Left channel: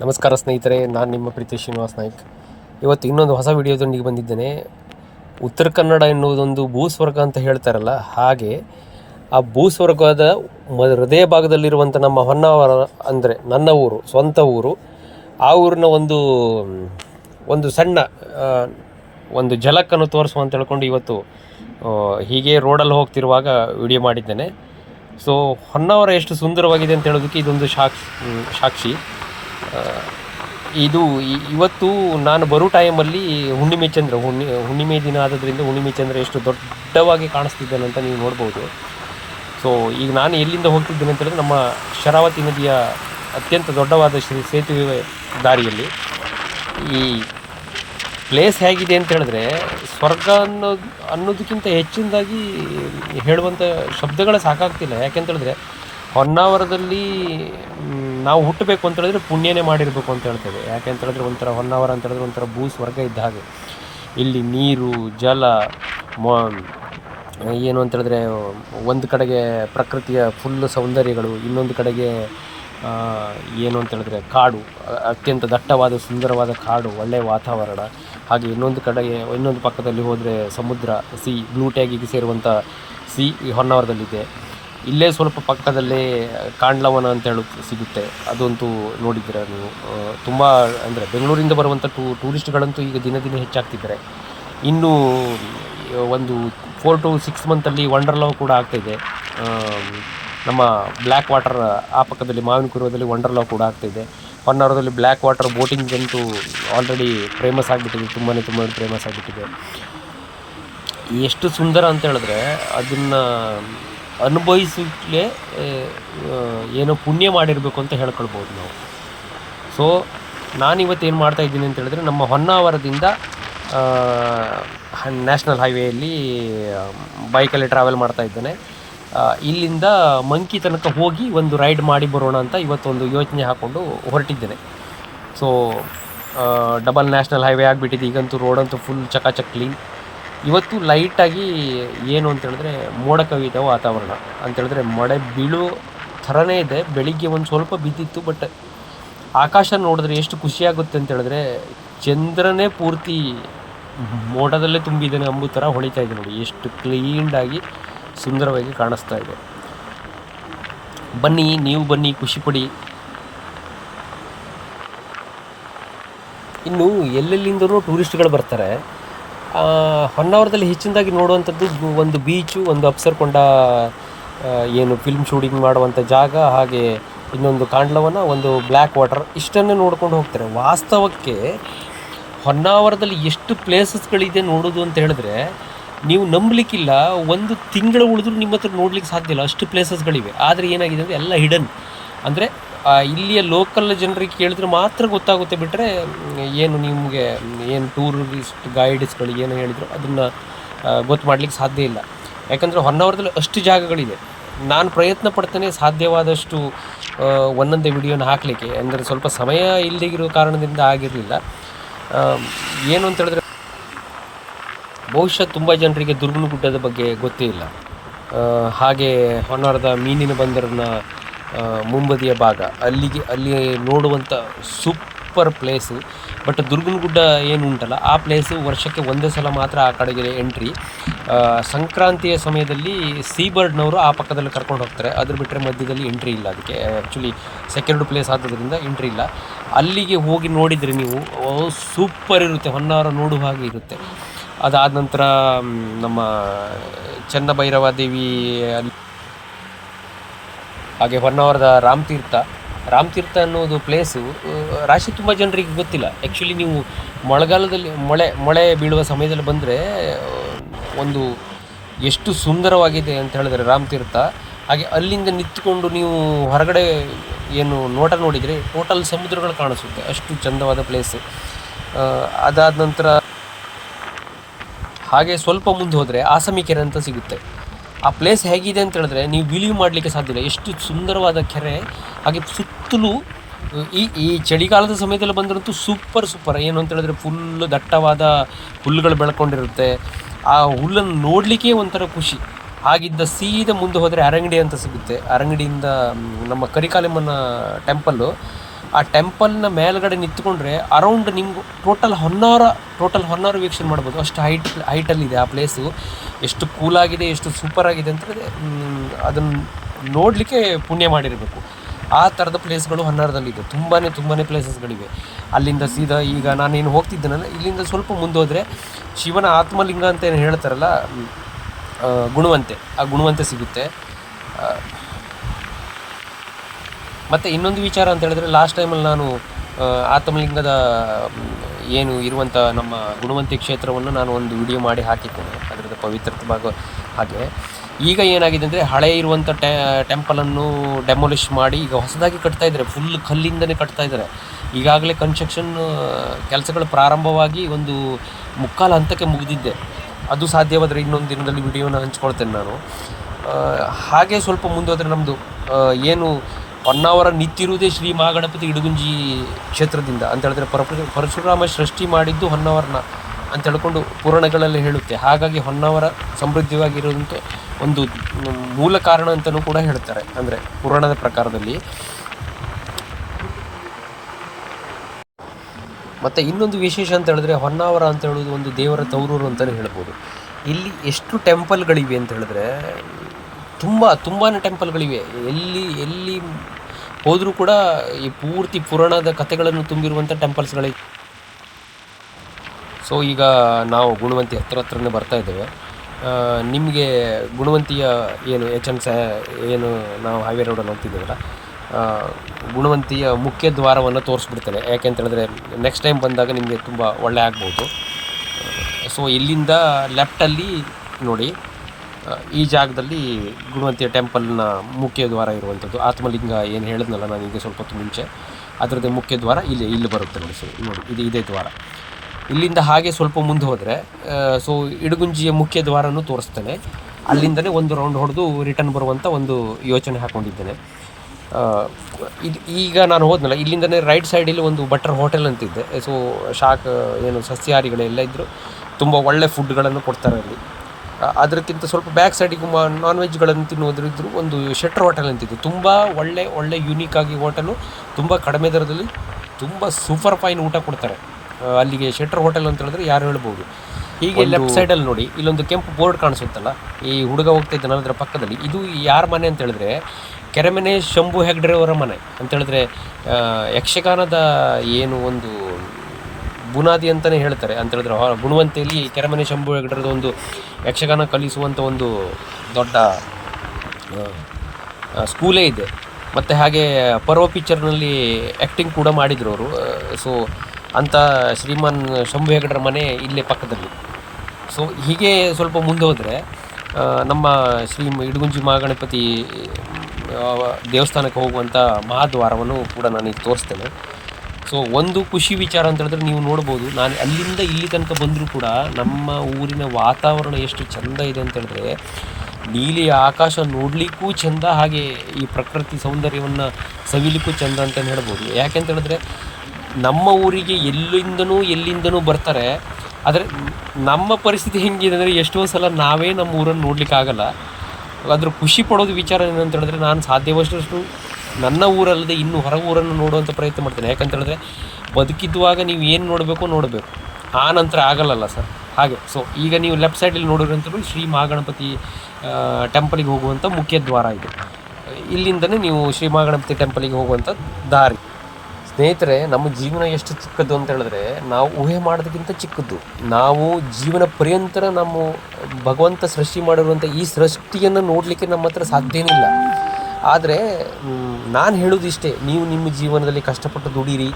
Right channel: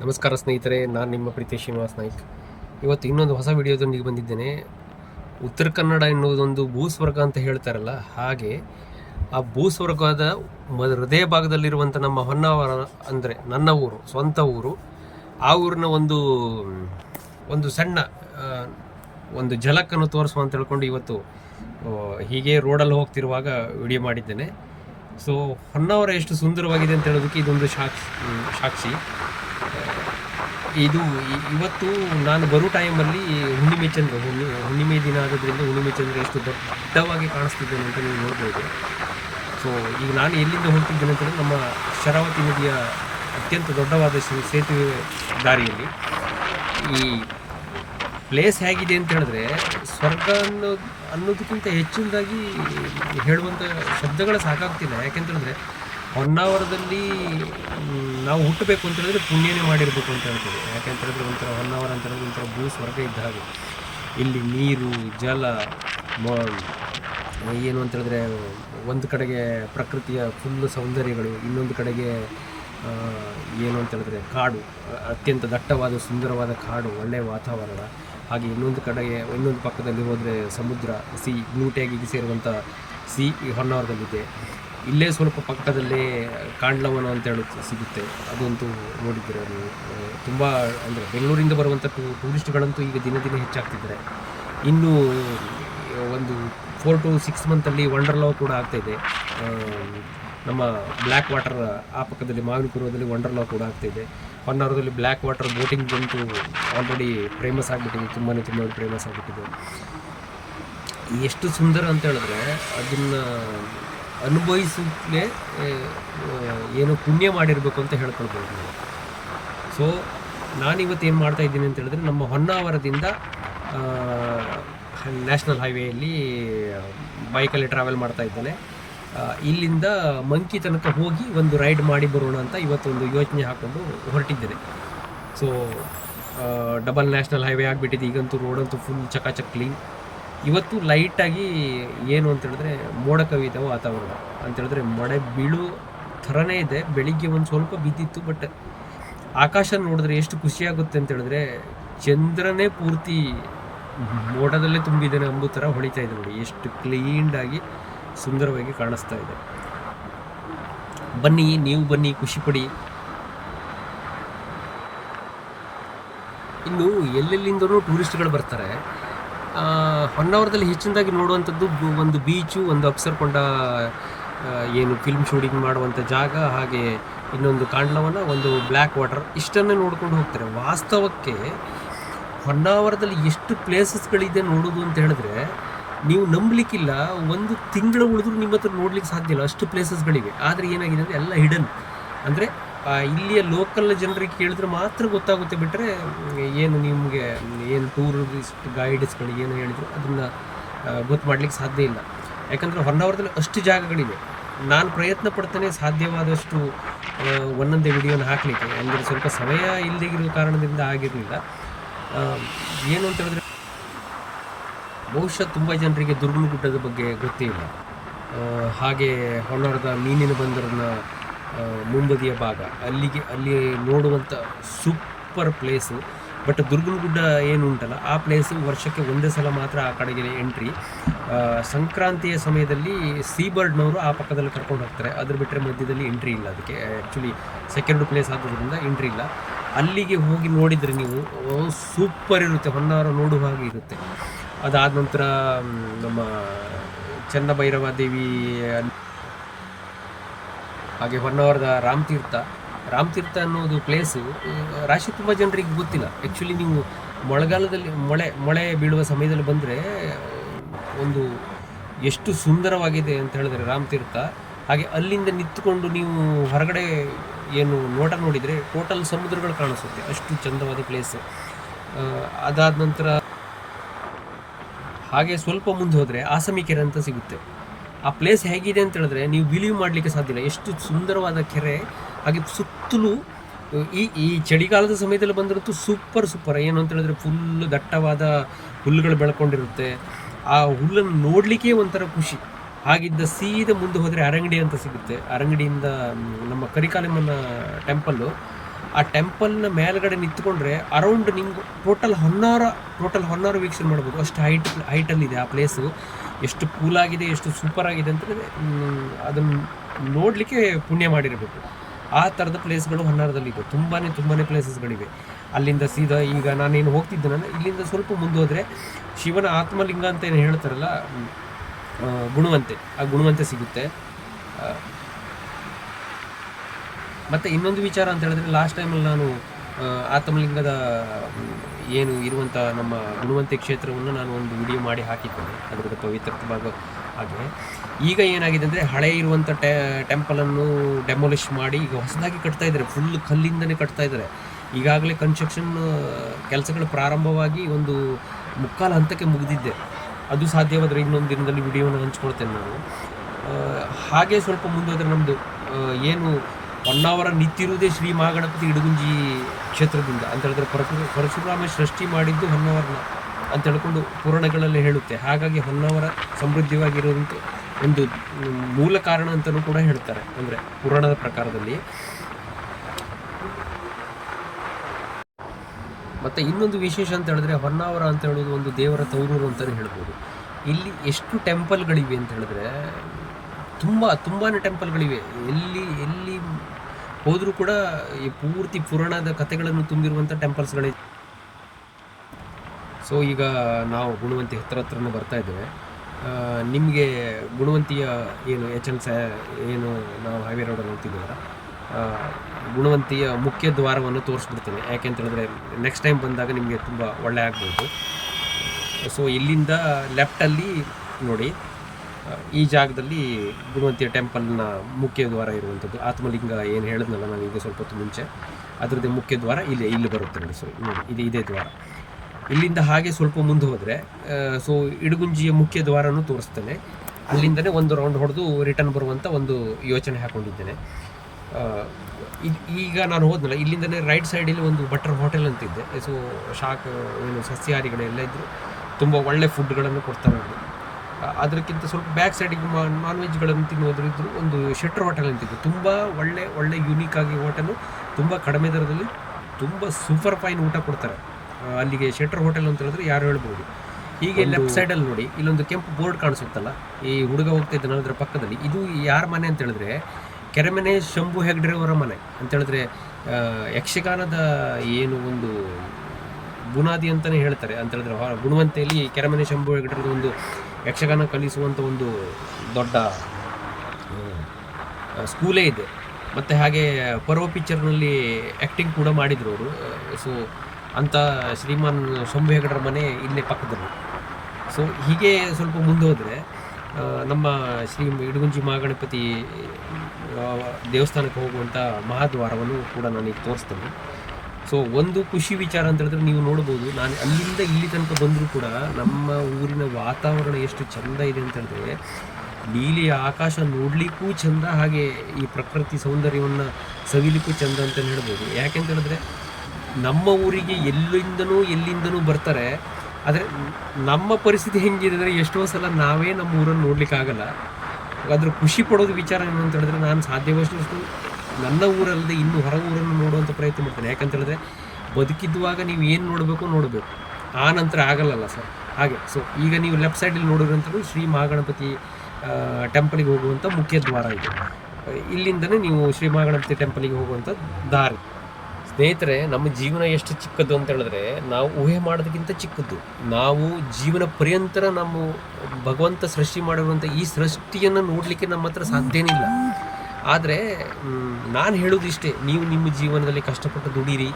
ನಮಸ್ಕಾರ ಸ್ನೇಹಿತರೆ, ನಾನು ನಿಮ್ಮ ಪ್ರೀತಿ ಶ್ರೀನಿವಾಸ್ ನಾಯ್ಕ್. ಇವತ್ತು ಇನ್ನೊಂದು ಹೊಸ ವಿಡಿಯೋದೊಂದಿಗೆ ಬಂದಿದ್ದೇನೆ. ಉತ್ತರ ಕನ್ನಡ ಎನ್ನುವುದೊಂದು ಭೂಸ್ವರ್ಗ ಅಂತ ಹೇಳ್ತಾರಲ್ಲ, ಹಾಗೆ ಆ ಭೂಸ್ವರ್ಗದ ಮ, ಹೃದಯ ಭಾಗದಲ್ಲಿರುವಂಥ ನಮ್ಮ ಹೊನ್ನಾವರ ಅಂದರೆ ನನ್ನ ಊರು, ಸ್ವಂತ ಊರು. ಆ ಊರಿನ ಒಂದು ಒಂದು ಸಣ್ಣ ಒಂದು ಝಲಕ್ಕನ್ನು ತೋರಿಸುವ ಅಂತ ಹೇಳ್ಕೊಂಡು ಇವತ್ತು ಹೀಗೆ ರೋಡಲ್ಲಿ ಹೋಗ್ತಿರುವಾಗ ವಿಡಿಯೋ ಮಾಡಿದ್ದೇನೆ. ಸೊ ಹೊನ್ನಾವರ ಎಷ್ಟು ಸುಂದರವಾಗಿದೆ ಅಂತ ಹೇಳೋದಕ್ಕೆ ಇದೊಂದು ಸಾಕ್ಷಿ. ಇದು ಇವತ್ತು ನಾನು ಬರೋ ಟೈಮಲ್ಲಿ ಹುಣ್ಣಿಮೆ ಚಂದ್ರ, ಹುಣ್ಣಿ ಹುಣ್ಣಿಮೆ ದಿನ ಆದದ್ರಿಂದ ಹುಣ್ಣಿಮೆ ಚಂದ್ರ ಎಷ್ಟು ದೊಡ್ಡವಾಗಿ ಕಾಣಿಸ್ತಿದ್ದೇನೆ ಅಂತ ನೀವು ನೋಡ್ಬೋದು. ಸೊ ಈಗ ನಾನು ಎಲ್ಲಿಂದ ಹೋಗ್ತಿದ್ದೇನೆ ಅಂತ ಹೇಳಿದ್ರೆ ನಮ್ಮ ಶರಾವತಿ ನದಿಯ ಅತ್ಯಂತ ದೊಡ್ಡವಾದ ಶ್ರೀ ಸೇತುವೆ ದಾರಿಯಲ್ಲಿ. ಈ ಪ್ಲೇಸ್ ಹೇಗಿದೆ ಅಂತ ಹೇಳಿದ್ರೆ ಸ್ವರ್ಗ ಅನ್ನೋದು ಅನ್ನೋದಕ್ಕಿಂತ ಹೆಚ್ಚಿನದಾಗಿ ಹೇಳುವಂಥ ಶಬ್ದಗಳ ಸಾಕಾಗ್ತಿಲ್ಲ. ಯಾಕೆಂತ ಹೇಳಿದ್ರೆ ಹೊನ್ನಾವರದಲ್ಲಿ ನಾವು ಹುಟ್ಟಬೇಕು ಅಂತ ಹೇಳಿದ್ರೆ ಪುಣ್ಯನೇ ಮಾಡಿರಬೇಕು ಅಂತ ಹೇಳ್ತೇವೆ ಯಾಕೆ ಅಂತ ಹೇಳಿದ್ರೆ ಒಂಥರ ಹೊನ್ನಾವರ ಅಂತ ಹೇಳಿದ್ರೆ ಒಂಥರ ಭೂ ಸ್ವರ್ಗ ಇದ್ದ ಹಾಗೆ. ಇಲ್ಲಿ ನೀರು, ಜಲ, ಮ, ಏನು ಅಂತ ಹೇಳಿದ್ರೆ, ಒಂದು ಕಡೆಗೆ ಪ್ರಕೃತಿಯ ಫುಲ್ ಸೌಂದರ್ಯಗಳು, ಇನ್ನೊಂದು ಕಡೆಗೆ ಏನು ಅಂತ ಹೇಳಿದ್ರೆ ಕಾಡು, ಅತ್ಯಂತ ದಟ್ಟವಾದ, ಸುಂದರವಾದ ಕಾಡು ಒಳ್ಳೆಯ ವಾತಾವರಣ. ಹಾಗೆ ಇನ್ನೊಂದು ಕಡೆಗೆ, ಇನ್ನೊಂದು ಪಕ್ಕದಲ್ಲಿ ಹೋದರೆ ಸಮುದ್ರ ಸಿ ಬ್ಲೂ ಟ್ಯಾಗಿಗೆ ಸೇರುವಂಥ ಸಿ ಹೊನ್ನಾವರದಲ್ಲಿದೆ. ಇಲ್ಲೇ ಸ್ವಲ್ಪ ಪಕ್ಕದಲ್ಲೇ ಕಾಂಡ್ಲವನ ಅಂತ ಹೇಳಿ ಸಿಗುತ್ತೆ. ಅದಂತೂ ನೋಡಿದ್ದೀರ ನೀವು? ತುಂಬ ಅಂದರೆ ಬೆಂಗಳೂರಿಂದ ಬರುವಂಥ ಟೂ, ಟೂರಿಸ್ಟ್ಗಳಂತೂ ಈಗ ದಿನ ದಿನ ಹೆಚ್ಚಾಗ್ತಿದ್ದಾರೆ. ಇನ್ನು ಒಂದು ಫೋರ್ ಟು ಸಿಕ್ಸ್ ಮಂತಲ್ಲಿ ವಂಡರ್ಲವ್ ಕೂಡ ಆಗ್ತಾಯಿದೆ ನಮ್ಮ ಬ್ಲ್ಯಾಕ್ ವಾಟರ್ ಆ ಪಕ್ಕದಲ್ಲಿ ಮಾವಿನ ಕುರುವದಲ್ಲಿ ವಂಡರ್ಲವ್ ಕೂಡ ಆಗ್ತಾಯಿದೆ ಹೊನ್ನಾವರದಲ್ಲಿ ಬ್ಲ್ಯಾಕ್ ವಾಟರ್ ಬೋಟಿಂಗ್ ಅಂತೂ ಆಲ್ರೆಡಿ ಫೇಮಸ್ ಆಗಿಬಿಟ್ಟಿದೆ ತುಂಬಾ ತುಂಬ ಫೇಮಸ್ ಆಗಿಬಿಟ್ಟಿದೆ. ಎಷ್ಟು ಸುಂದರ ಅಂತ ಹೇಳಿದ್ರೆ, ಅದನ್ನು ಅನುಭವಿಸಲೇ ಏನೋ ಪುಣ್ಯ ಮಾಡಿರಬೇಕು ಅಂತ ಹೇಳ್ಕೊಳ್ಬೋದು ನಾವು. ಸೊ ನಾನಿವತ್ತು ಏನು ಮಾಡ್ತಾ ಇದ್ದೀನಿ ಅಂತ ಹೇಳಿದ್ರೆ, ನಮ್ಮ ಹೊನ್ನಾವರದಿಂದ ನ್ಯಾಷನಲ್ ಹೈವೇಯಲ್ಲಿ ಬೈಕಲ್ಲಿ ಟ್ರಾವೆಲ್ ಮಾಡ್ತಾ ಇದ್ದೇನೆ. ಇಲ್ಲಿಂದ ಮಂಕಿ ತನಕ ಹೋಗಿ ಒಂದು ರೈಡ್ ಮಾಡಿ ಬರೋಣ ಅಂತ ಇವತ್ತೊಂದು ಯೋಚನೆ ಹಾಕ್ಕೊಂಡು ಹೊರಟಿದ್ದೇನೆ. ಸೊ ಡಬಲ್ ನ್ಯಾಷನಲ್ ಹೈವೇ ಆಗಿಬಿಟ್ಟಿದೆ, ಈಗಂತೂ ರೋಡಂತೂ ಫುಲ್ ಚಕಾಚಕ್ ಕ್ಲೀನ್ ಇವತ್ತು ಲೈಟಾಗಿ ಏನು ಅಂತ ಹೇಳಿದ್ರೆ ಮೋಡ ಕವಿದ ವಾತಾವರಣ. ಅಂತ ಹೇಳಿದ್ರೆ ಮಳೆ ಬೀಳೋ ಥರನೇ ಇದೆ. ಬೆಳಿಗ್ಗೆ ಒಂದು ಸ್ವಲ್ಪ ಬಿದ್ದಿತ್ತು ಬಟ್ ಆಕಾಶ ನೋಡಿದ್ರೆ ಎಷ್ಟು ಖುಷಿಯಾಗುತ್ತೆ ಅಂತ ಹೇಳಿದ್ರೆ ಚಂದ್ರನೇ ಪೂರ್ತಿ ಮೋಡದಲ್ಲೇ ತುಂಬಿದ್ದಾನೆ ಅಂಬೋ ಥರ ಹೊಳಿತಾ ಇದೆ ನೋಡಿ. ಎಷ್ಟು ಕ್ಲೀನ್ಡಾಗಿ ಸುಂದರವಾಗಿ ಕಾಣಿಸ್ತಾ ಇದೆ. ಬನ್ನಿ, ನೀವು ಬನ್ನಿ, ಖುಷಿ ಪಡಿ. ಇನ್ನು ಎಲ್ಲೆಲ್ಲಿಂದನೂ ಟೂರಿಸ್ಟ್ಗಳು ಬರ್ತಾರೆ. ಹೊನ್ನಾವರದಲ್ಲಿ ಹೆಚ್ಚಿನದಾಗಿ ನೋಡುವಂಥದ್ದು ಒಂದು ಬೀಚು, ಒಂದು ಅಪ್ಸರ್ಕೊಂಡ ಏನು ಫಿಲ್ಮ್ ಶೂಟಿಂಗ್ ಮಾಡುವಂಥ ಜಾಗ, ಹಾಗೆ ಇನ್ನೊಂದು ಕಾಂಡ್ಲವನ, ಒಂದು ಬ್ಲ್ಯಾಕ್ ವಾಟರ್ ಇಷ್ಟನ್ನೇ ನೋಡ್ಕೊಂಡು ಹೋಗ್ತಾರೆ. ವಾಸ್ತವಕ್ಕೆ ಹೊನ್ನಾವರದಲ್ಲಿ ಎಷ್ಟು ಪ್ಲೇಸಸ್ಗಳಿದೆ ನೋಡೋದು ಅಂತ ಹೇಳಿದ್ರೆ, ನೀವು ನಂಬಲಿಕ್ಕಿಲ್ಲ, ಒಂದು ತಿಂಗಳು ಉಳಿದ್ರೂ ನಿಮ್ಮ ಹತ್ರ ನೋಡ್ಲಿಕ್ಕೆ ಸಾಧ್ಯ ಇಲ್ಲ. ಅಷ್ಟು ಪ್ಲೇಸಸ್ಗಳಿವೆ ಆದರೆ ಏನಾಗಿದೆ ಅಂದರೆ, ಎಲ್ಲ ಹಿಡನ್ ಅಂದರೆ ಇಲ್ಲಿಯ ಲೋಕಲ್ ಜನರಿಗೆ ಕೇಳಿದ್ರೆ ಮಾತ್ರ ಗೊತ್ತಾಗುತ್ತೆ ಬಿಟ್ಟರೆ ಏನು ನಿಮಗೆ ಏನು ಟೂರಿಸ್ಟ್ ಗೈಡ್ಸ್ಗಳು ಏನು ಹೇಳಿದ್ರು ಅದನ್ನು ಗೊತ್ತು ಮಾಡಲಿಕ್ಕೆ ಸಾಧ್ಯ ಇಲ್ಲ. ಯಾಕಂದರೆ ಹೊನ್ನಾವರದಲ್ಲಿ ಅಷ್ಟು ಜಾಗಗಳಿವೆ. ನಾನು ಪ್ರಯತ್ನ ಪಡ್ತೇನೆ ಸಾಧ್ಯವಾದಷ್ಟು ಒಂದೊಂದೇ ವಿಡಿಯೋನ ಹಾಕಲಿಕ್ಕೆ. ಅಂದರೆ ಸ್ವಲ್ಪ ಸಮಯ ಇಲ್ಲದಿರೋ ಕಾರಣದಿಂದ ಆಗಿರಲಿಲ್ಲ. ಏನು ಅಂತ ಹೇಳಿದ್ರೆ, ಬಹುಶಃ ತುಂಬ ಜನರಿಗೆ ದುರ್ಗನ ಗುಡ್ಡದ ಬಗ್ಗೆ ಗೊತ್ತೇ ಇಲ್ಲ. ಹಾಗೆ ಹೊನ್ನಾವರದ ಮೀನಿನ ಬಂದರನ್ನು ಮುಂಬದಿಯ ಭಾಗ. ಅಲ್ಲಿಗೆ, ಅಲ್ಲಿ ನೋಡುವಂಥ ಸೂಪರ್ ಪ್ಲೇಸು ಬಟ್ ದುರ್ಗನ ಗುಡ್ಡ ಏನು ಉಂಟಲ್ಲ ಆ ಪ್ಲೇಸು ವರ್ಷಕ್ಕೆ ಒಂದೇ ಸಲ ಮಾತ್ರ ಆ ಕಡೆಗೆ ಎಂಟ್ರಿ ಸಂಕ್ರಾಂತಿಯ ಸಮಯದಲ್ಲಿ ಸೀಬರ್ಡ್ನವರು ಆ ಪಕ್ಕದಲ್ಲಿ ಕರ್ಕೊಂಡು ಹೋಗ್ತಾರೆ. ಅದ್ರ ಬಿಟ್ಟರೆ ಮಧ್ಯದಲ್ಲಿ ಎಂಟ್ರಿ ಇಲ್ಲ ಅದಕ್ಕೆ. ಆ್ಯಕ್ಚುಲಿ ಸೆಕೆಂಡ್ ಪ್ಲೇಸ್ ಆದ್ದರಿಂದ ಎಂಟ್ರಿ ಇಲ್ಲ. ಅಲ್ಲಿಗೆ ಹೋಗಿ ನೋಡಿದರೆ ನೀವು ಸೂಪರ್ ಇರುತ್ತೆ. ಹೊನ್ನಾವರ ನೋಡುವ ಹಾಗೆ ಇರುತ್ತೆ. ಅದಾದ ನಂತರ ನಮ್ಮ ಚೆನ್ನಭೈರವ ದೇವಿ ಅಲ್ಲಿ ಹಾಗೆ ಹೊನ್ನಾವರದ ರಾಮತೀರ್ಥ ರಾಮತೀರ್ಥ ಅನ್ನೋದು ಪ್ಲೇಸು ರಾಶಿ ತುಂಬ ಜನರಿಗೆ ಗೊತ್ತಿಲ್ಲ. ಆ್ಯಕ್ಚುಲಿ ನೀವು ಮಳೆಗಾಲದಲ್ಲಿ, ಮಳೆ ಮಳೆ ಬೀಳುವ ಸಮಯದಲ್ಲಿ ಬಂದರೆ, ಒಂದು ಎಷ್ಟು ಸುಂದರವಾಗಿದೆ ಅಂತ ಹೇಳಿದ್ರೆ ರಾಮತೀರ್ಥ ಹಾಗೆ ಅಲ್ಲಿಂದ ನಿಂತ್ಕೊಂಡು ನೀವು ಹೊರಗಡೆ ಏನು ನೋಟ ನೋಡಿದರೆ ಟೋಟಲ್ ಸಮುದ್ರಗಳು ಕಾಣಿಸುತ್ತೆ. ಅಷ್ಟು ಚಂದವಾದ ಪ್ಲೇಸ್ ಅದಾದ ನಂತರ ಹಾಗೆ ಸ್ವಲ್ಪ ಮುಂದೆ ಹೋದರೆ ಆಸಮಿ ಕೆರೆ ಅಂತ ಸಿಗುತ್ತೆ. ಆ ಪ್ಲೇಸ್ ಹೇಗಿದೆ ಅಂತ ಹೇಳಿದ್ರೆ ನೀವು ಬಿಲೀವ್ ಮಾಡಲಿಕ್ಕೆ ಸಾಧ್ಯ ಇಲ್ಲ. ಎಷ್ಟು ಸುಂದರವಾದ ಕೆರೆ, ಹಾಗೆ ಸುತ್ತಲೂ ಈ ಈ ಚಳಿಗಾಲದ ಸಮಯದಲ್ಲಿ ಬಂದಿರಂತೂ ಸೂಪರ್ ಸೂಪರ್ ಏನು ಅಂತ ಹೇಳಿದ್ರೆ ಫುಲ್ಲು ದಟ್ಟವಾದ ಹುಲ್ಲುಗಳು ಬೆಳ್ಕೊಂಡಿರುತ್ತೆ. ಆ ಹುಲ್ಲನ್ನು ನೋಡಲಿಕ್ಕೆ ಒಂಥರ ಖುಷಿ. ಹಾಗಿದ್ದ ಸೀದ ಮುಂದೆ ಹೋದರೆ ಅರಂಗಡಿ ಅಂತ ಸಿಗುತ್ತೆ. ಅರಂಗಡಿಯಿಂದ ನಮ್ಮ ಕರಿಕಾಲೆಮ್ಮನ ಟೆಂಪಲ್ಲು ಆ ಟೆಂಪಲ್ನ ಮೇಲ್ಗಡೆ ನಿಂತ್ಕೊಂಡ್ರೆ ಅರೌಂಡ್ ನಿಮ್ಗೆ ಟೋಟಲ್ ಹೊನ್ನಾರ ಟೋಟಲ್ ಹೊನ್ನಾರ ವೀಕ್ಷಣೆ ಮಾಡ್ಬೋದು. ಅಷ್ಟು ಹೈಟ್ ಹೈಟಲ್ಲಿದೆ ಆ ಪ್ಲೇಸು ಎಷ್ಟು ಕೂಲಾಗಿದೆ ಎಷ್ಟು ಸೂಪರ್ ಆಗಿದೆ ಅಂತಂದರೆ ಅದನ್ನು ನೋಡಲಿಕ್ಕೆ ಪುಣ್ಯ ಮಾಡಿರಬೇಕು. ಆ ಥರದ ಪ್ಲೇಸ್ಗಳು ಹೊನ್ನಾರದಲ್ಲಿದೆ ತುಂಬಾ ತುಂಬಾ ಪ್ಲೇಸಸ್ಗಳಿವೆ ಅಲ್ಲಿಂದ ಸೀದಾ ಈಗ ನಾನೇನು ಹೋಗ್ತಿದ್ದೇನೆ ಇಲ್ಲಿಂದ ಸ್ವಲ್ಪ ಮುಂದೋದರೆ ಶಿವನ ಆತ್ಮಲಿಂಗ ಅಂತ ಏನು ಹೇಳ್ತಾರಲ್ಲ ಗುಣವಂತೆ. ಆ ಗುಣವಂತೆ ಸಿಗುತ್ತೆ. ಮತ್ತು ಇನ್ನೊಂದು ವಿಚಾರ ಅಂತ ಹೇಳಿದ್ರೆ ಲಾಸ್ಟ್ ಟೈಮಲ್ಲಿ ನಾನು ಆತ್ಮಲಿಂಗದ ಏನು ಇರುವಂಥ ನಮ್ಮ ಗುಣವಂತಿ ಕ್ಷೇತ್ರವನ್ನು ನಾನು ಒಂದು ವಿಡಿಯೋ ಮಾಡಿ ಹಾಕಿದ್ದೇನೆ. ಅದರದ ಪವಿತ್ರತೆ ಭಾಗ ಹಾಗೆ. ಈಗ ಏನಾಗಿದೆ ಅಂದರೆ ಹಳೆ ಇರುವಂಥ ಟೆ ಟೆಂಪಲನ್ನು ಡೆಮೊಲಿಷ್ ಮಾಡಿ ಈಗ ಹೊಸದಾಗಿ ಕಟ್ತಾ ಇದ್ದಾರೆ. ಫುಲ್ ಕಲ್ಲಿಂದನೇ ಕಟ್ತಾ ಇದ್ದಾರೆ. ಈಗಾಗಲೇ ಕನ್ಸ್ಟ್ರಕ್ಷನ್ ಕೆಲಸಗಳು ಪ್ರಾರಂಭವಾಗಿ ಒಂದು ಮುಕ್ಕಾಲು ಹಂತಕ್ಕೆ ಮುಗಿದಿದ್ದೆ. ಅದು ಸಾಧ್ಯವಾದರೆ ಇನ್ನೊಂದು ದಿನದಲ್ಲಿ ವಿಡಿಯೋನ ಹಂಚ್ಕೊಳ್ತೇನೆ ನಾನು. ಹಾಗೆ ಸ್ವಲ್ಪ ಮುಂದೆ ಹೋದರೆ ನಮ್ಮದು ಏನು ಹೊನ್ನಾವರ ನಿಂತಿರುವುದೇ ಶ್ರೀ ಮಹಾಗಣಪತಿ ಇಡಗುಂಜಿ ಕ್ಷೇತ್ರದಿಂದ ಅಂತ ಹೇಳಿದ್ರೆ ಪರಪು ಪರಶುರಾಮ ಸೃಷ್ಟಿ ಮಾಡಿದ್ದು ಹೊನ್ನಾವರನ ಅಂತ ಹೇಳ್ಕೊಂಡು ಪುರಾಣಗಳಲ್ಲಿ ಹೇಳುತ್ತೆ. ಹಾಗಾಗಿ ಹೊನ್ನಾವರ ಸಮೃದ್ಧವಾಗಿರುವಂಥ ಒಂದು ಮೂಲ ಕಾರಣ ಅಂತಲೂ ಕೂಡ ಹೇಳ್ತಾರೆ. ಅಂದರೆ ಪುರಾಣದ ಪ್ರಕಾರದಲ್ಲಿ. ಮತ್ತು ಇನ್ನೊಂದು ವಿಶೇಷ ಅಂತ ಹೇಳಿದ್ರೆ ಹೊನ್ನಾವರ ಅಂತ ಹೇಳೋದು ಒಂದು ದೇವರ ತವರೂರು ಅಂತಲೇ ಹೇಳ್ಬೋದು. ಇಲ್ಲಿ ಎಷ್ಟು ಟೆಂಪಲ್ಗಳಿವೆ ಅಂತ ಹೇಳಿದ್ರೆ ತುಂಬ ತುಂಬಾ ಟೆಂಪಲ್ಗಳಿವೆ. ಎಲ್ಲಿ ಎಲ್ಲಿ ಹೋದರೂ ಕೂಡ ಈ ಪೂರ್ತಿ ಪುರಾಣದ ಕಥೆಗಳನ್ನು ತುಂಬಿರುವಂಥ ಟೆಂಪಲ್ಸ್ಗಳಿವೆ. ಸೊ, ಈಗ ನಾವು ಗುಣವಂತಿ ಹತ್ರ ಹತ್ರನೇ ಬರ್ತಾ ಇದ್ದೇವೆ. ನಿಮಗೆ ಗುಣವಂತಿಯ ಏನು, ಎಚ್ ಎನ್ ಸ್ಯಾ ಏನು ನಾವು ಹೈವೇ ರೋಡಲ್ಲಿ ಹೋಗ್ತಿದ್ದೀವಲ್ಲ ಗುಣವಂತಿಯ ಮುಖ್ಯ ದ್ವಾರವನ್ನು ತೋರಿಸ್ಬಿಡ್ತೇನೆ. ಯಾಕೆ ಹೇಳಿದ್ರೆ ನೆಕ್ಸ್ಟ್ ಟೈಮ್ ಬಂದಾಗ ನಿಮಗೆ ತುಂಬ ಒಳ್ಳೆ ಆಗ್ಬೋದು. ಸೊ, ಇಲ್ಲಿಂದ ಲೆಫ್ಟಲ್ಲಿ ನೋಡಿ ಈ ಜಾಗದಲ್ಲಿ ಗುಣವಂತಿಯ ಟೆಂಪಲ್ನ ಮುಖ್ಯ ದ್ವಾರ ಇರುವಂಥದ್ದು. ಆತ್ಮಲಿಂಗ ಏನು ಹೇಳಿದ್ನಲ್ಲ, ನಾನು ಈಗ ಸ್ವಲ್ಪ ಹೊತ್ತು ಮುಂಚೆ. ಅದರದ್ದೇ ಮುಖ್ಯ ದ್ವಾರ ಇಲ್ಲಿ ಇಲ್ಲಿ ಬರುತ್ತೆ ನೋಡಿ ಸೊ ನೋಡಿ, ಇದು ಇದೇ ದ್ವಾರ. ಇಲ್ಲಿಂದ ಹಾಗೆ ಸ್ವಲ್ಪ ಮುಂದೆ ಹೋದರೆ ಸೊ ಇಡಗುಂಜಿಯ ಮುಖ್ಯ ದ್ವಾರನೂ ತೋರಿಸ್ತೇನೆ. ಅಲ್ಲಿಂದನೇ ಒಂದು ರೌಂಡ್ ಹೊಡೆದು ರಿಟರ್ನ್ ಬರುವಂಥ ಒಂದು ಯೋಚನೆ ಹಾಕ್ಕೊಂಡಿದ್ದೇನೆ ಇದು ಈಗ ನಾನು ಹೋದ್ನಲ್ಲ, ಇಲ್ಲಿಂದನೇ ರೈಟ್ ಸೈಡಲ್ಲಿ ಒಂದು ಬಟರ್ ಹೋಟೆಲ್ ಅಂತಿದ್ದೆ ಸೊ ಶಾಖ ಏನು ಸಸ್ಯಾಹಾರಿಗಳೆಲ್ಲ ಇದ್ದರು ತುಂಬ ಒಳ್ಳೆ ಫುಡ್ಗಳನ್ನು ಕೊಡ್ತಾರೆ ಅಲ್ಲಿ. ಅದಕ್ಕಿಂತ ಸ್ವಲ್ಪ ಬ್ಯಾಕ್ ಸೈಡಿಗೆ ನಾನ್ ವೆಜ್ಗಳನ್ನು ತಿನ್ನೋದ್ರು ಇದ್ದರು ಒಂದು ಶೆಟ್ರ್ ಹೋಟೆಲ್ ಅಂತಿದ್ದು ತುಂಬ ಒಳ್ಳೆ ಒಳ್ಳೆ ಯೂನಿಕ್ ಆಗಿ ಹೋಟೆಲು ತುಂಬ ಕಡಿಮೆ ದರದಲ್ಲಿ ತುಂಬ ಸೂಪರ್ ಫೈನ್ ಊಟ ಕೊಡ್ತಾರೆ. ಅಲ್ಲಿಗೆ ಶೆಟ್ರ್ ಹೋಟೆಲ್ ಅಂತ ಹೇಳಿದ್ರೆ ಯಾರು ಹೇಳ್ಬೋದು. ಹೀಗೆ ಲೆಫ್ಟ್ ಸೈಡಲ್ಲಿ ನೋಡಿ ಇಲ್ಲೊಂದು ಕೆಂಪು ಬೋರ್ಡ್ ಕಾಣಿಸುತ್ತಲ್ಲ ಈ ಹುಡುಗ ಹೋಗ್ತಾ ಇದ್ದಾನೆ ಅದರ ಪಕ್ಕದಲ್ಲಿ. ಇದು ಯಾರ ಮನೆ ಅಂತ ಹೇಳಿದ್ರೆ ಕೆರೆಮನೆ ಶಂಭು ಹೆಗ್ಡೆ ಅವರ ಮನೆ ಅಂತ ಹೇಳಿದ್ರೆ ಯಕ್ಷಗಾನದ ಏನು ಒಂದು ಬುನಾದಿ ಅಂತಲೇ ಹೇಳ್ತಾರೆ ಅಂತ ಹೇಳಿದ್ರೆ. ಗುಣವಂತೆಯಲ್ಲಿ ಕೆರೆಮನೆ ಶಂಭು ಹೆಗ್ಡೆರದ ಒಂದು ಯಕ್ಷಗಾನ ಕಲಿಸುವಂಥ ಒಂದು ದೊಡ್ಡ ಸ್ಕೂಲೇ ಇದೆ. ಮತ್ತು ಹಾಗೆ ಪರ್ವ ಪಿಕ್ಚರ್ನಲ್ಲಿ ಆ್ಯಕ್ಟಿಂಗ್ ಕೂಡ ಮಾಡಿದ್ರು ಅವರು. ಸೊ ಅಂಥ ಶ್ರೀಮಾನ್ ಶಂಭು ಹೆಗಡರ ಮನೆ ಇಲ್ಲೇ ಪಕ್ಕದಲ್ಲಿ. ಸೊ ಹೀಗೆ ಸ್ವಲ್ಪ ಮುಂದೆ ಹೋದರೆ ನಮ್ಮ ಶ್ರೀ ಇಡಗುಂಜಿ ಮಹಾಗಣಪತಿ ದೇವಸ್ಥಾನಕ್ಕೆ ಹೋಗುವಂಥ ಮಹಾದ್ವಾರವನ್ನು ಕೂಡ ನಾನು ಈಗ ತೋರಿಸ್ತೇನೆ. ಸೊ ಒಂದು ಖುಷಿ ವಿಚಾರ ಅಂತ ಹೇಳಿದ್ರೆ ನೀವು ನೋಡ್ಬೋದು, ನಾನು ಅಲ್ಲಿಂದ ಇಲ್ಲಿ ತನಕ ಬಂದರೂ ಕೂಡ ನಮ್ಮ ಊರಿನ ವಾತಾವರಣ ಎಷ್ಟು ಚೆಂದ ಇದೆ ಅಂತ ಹೇಳಿದ್ರೆ ನೀಲಿ ಆಕಾಶ ನೋಡಲಿಕ್ಕೂ ಚೆಂದ, ಹಾಗೆ ಈ ಪ್ರಕೃತಿ ಸೌಂದರ್ಯವನ್ನು ಸವಿಲಿಕ್ಕೂ ಚೆಂದ ಅಂತಲೇ ಹೇಳ್ಬೋದು. ಯಾಕೆಂತ ಹೇಳಿದ್ರೆ, ನಮ್ಮ ಊರಿಗೆ ಎಲ್ಲಿಂದನೂ ಎಲ್ಲಿಂದನೂ ಬರ್ತಾರೆ, ಆದರೆ ನಮ್ಮ ಪರಿಸ್ಥಿತಿ ಹೆಂಗಿದೆ ಅಂದರೆ ಎಷ್ಟೋ ಸಲ ನಾವೇ ನಮ್ಮ ಊರನ್ನು ನೋಡಲಿಕ್ಕಾಗಲ್ಲ. ಅದ್ರ ಖುಷಿ ಪಡೋದು ವಿಚಾರ ಏನಂತ ಹೇಳಿದ್ರೆ, ನಾನು ಸಾಧ್ಯವಷ್ಟು ನನ್ನ ಊರಲ್ಲದೆ ಇನ್ನು ಹೊರ ಊರನ್ನು ನೋಡುವಂಥ ಪ್ರಯತ್ನ ಮಾಡ್ತೇನೆ. ಯಾಕಂತ ಹೇಳಿದ್ರೆ ಬದುಕಿದ್ದುವಾಗ ನೀವು ಏನು ನೋಡಬೇಕು ನೋಡಬೇಕು. ಆ ನಂತರ ಆಗಲ್ಲಲ್ಲ ಸರ್. ಹಾಗೆ. ಸೊ ಈಗ ನೀವು ಲೆಫ್ಟ್ ಸೈಡಲ್ಲಿ ನೋಡಿರುವಂಥದ್ದು ಶ್ರೀ ಮಹಾಗಣಪತಿ ಟೆಂಪಲಿಗೆ ಹೋಗುವಂಥ ಮುಖ್ಯ ದ್ವಾರ ಇದು. ಇಲ್ಲಿಂದನೇ ನೀವು ಶ್ರೀ ಮಹಾಗಣಪತಿ ಟೆಂಪಲಿಗೆ ಹೋಗುವಂಥ ದಾರಿ. ಸ್ನೇಹಿತರೆ, ನಮ್ಮ ಜೀವನ ಎಷ್ಟು ಚಿಕ್ಕದ್ದು ಅಂತ ಹೇಳಿದ್ರೆ ನಾವು ಊಹೆ ಮಾಡೋದಕ್ಕಿಂತ ಚಿಕ್ಕದ್ದು. ನಾವು ಜೀವನ ಪರ್ಯಂತರ ನಮ್ಮ ಭಗವಂತ ಸೃಷ್ಟಿ ಮಾಡಿರುವಂಥ ಈ ಸೃಷ್ಟಿಯನ್ನು ನೋಡಲಿಕ್ಕೆ ನಮ್ಮ ಹತ್ರ ಸಾಧ್ಯನಿಲ್ಲ ಆದರೆ, ನಾನು ಹೇಳೋದು ಇಷ್ಟೇ, ನೀವು ನಿಮ್ಮ ಜೀವನದಲ್ಲಿ ಕಷ್ಟಪಟ್ಟು ದುಡೀರಿ,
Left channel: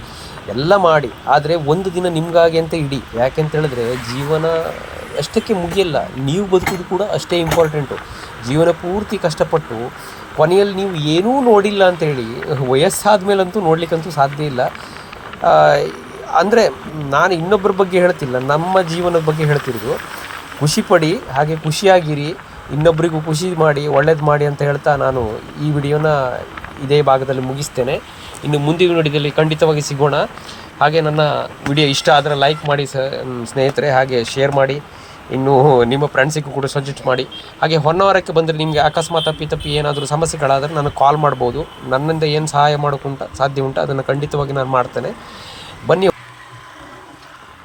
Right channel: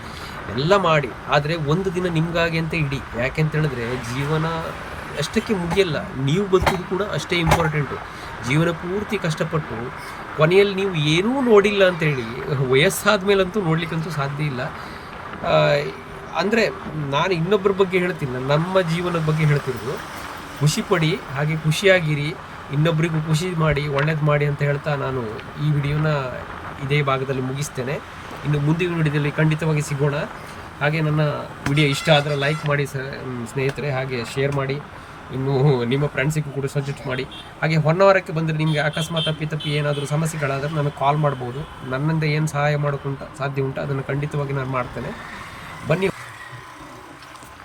ಎಲ್ಲ ಮಾಡಿ, ಆದರೆ ಒಂದು ದಿನ ನಿಮಗಾಗಿ ಅಂತ ಇಡಿ. ಯಾಕೆಂತ ಹೇಳಿದ್ರೆ, ಜೀವನ ಅಷ್ಟಕ್ಕೆ ಮುಗಿಯಲ್ಲ, ನೀವು ಬದುಕೋದು ಕೂಡ ಅಷ್ಟೇ ಇಂಪಾರ್ಟೆಂಟು ಜೀವನ ಪೂರ್ತಿ ಕಷ್ಟಪಟ್ಟು, ಕೊನೆಯಲ್ಲಿ ನೀವು ಏನೂ ನೋಡಿಲ್ಲ ಅಂತೇಳಿ ವಯಸ್ಸಾದ ಮೇಲಂತೂ ನೋಡ್ಲಿಕ್ಕಂತೂ ಸಾಧ್ಯ ಇಲ್ಲ. ಅಂದರೆ, ನಾನು ಇನ್ನೊಬ್ಬರ ಬಗ್ಗೆ ಹೇಳ್ತಿಲ್ಲ, ನಮ್ಮ ಜೀವನದ ಬಗ್ಗೆ ಹೇಳ್ತಿರೋದು ಖುಷಿಪಡಿ ಹಾಗೆ ಖುಷಿಯಾಗಿರಿ ಇನ್ನೊಬ್ಬರಿಗೂ ಖುಷಿ ಮಾಡಿ, ಒಳ್ಳೇದು ಮಾಡಿ ಅಂತ ಹೇಳ್ತಾ ನಾನು ಈ ವಿಡಿಯೋನ ಇದೇ ಭಾಗದಲ್ಲಿ ಮುಗಿಸ್ತೇನೆ. ಇನ್ನು ಮುಂದಿನ ವಿಡಿಯೋದಲ್ಲಿ ಖಂಡಿತವಾಗಿ ಸಿಗೋಣ. ಹಾಗೆ ನನ್ನ ವಿಡಿಯೋ ಇಷ್ಟ ಆದರೆ ಲೈಕ್ ಮಾಡಿ ಸ್ನೇಹಿತರೆ, ಹಾಗೆ ಶೇರ್ ಮಾಡಿ. ಇನ್ನು ನಿಮ್ಮ ಫ್ರೆಂಡ್ಸಿಗೂ ಕೂಡ ಸಜೆಸ್ಟ್ ಮಾಡಿ. ಹಾಗೆ ಹೊನ್ನವರಕ್ಕೆ ಬಂದರೆ ನಿಮಗೆ ಅಕಸ್ಮಾತ್ ತಪ್ಪಿ ತಪ್ಪಿ ಏನಾದರೂ ಸಮಸ್ಯೆಗಳಾದರೆ ನನಗೆ ಕಾಲ್ ಮಾಡ್ಬೋದು. ನನ್ನಿಂದ ಏನು ಸಹಾಯ ಮಾಡೋಕ್ಕುಂಟ ಸಾಧ್ಯ ಉಂಟು, ಅದನ್ನು ಖಂಡಿತವಾಗಿ ನಾನು ಮಾಡ್ತೇನೆ. ಬನ್ನಿ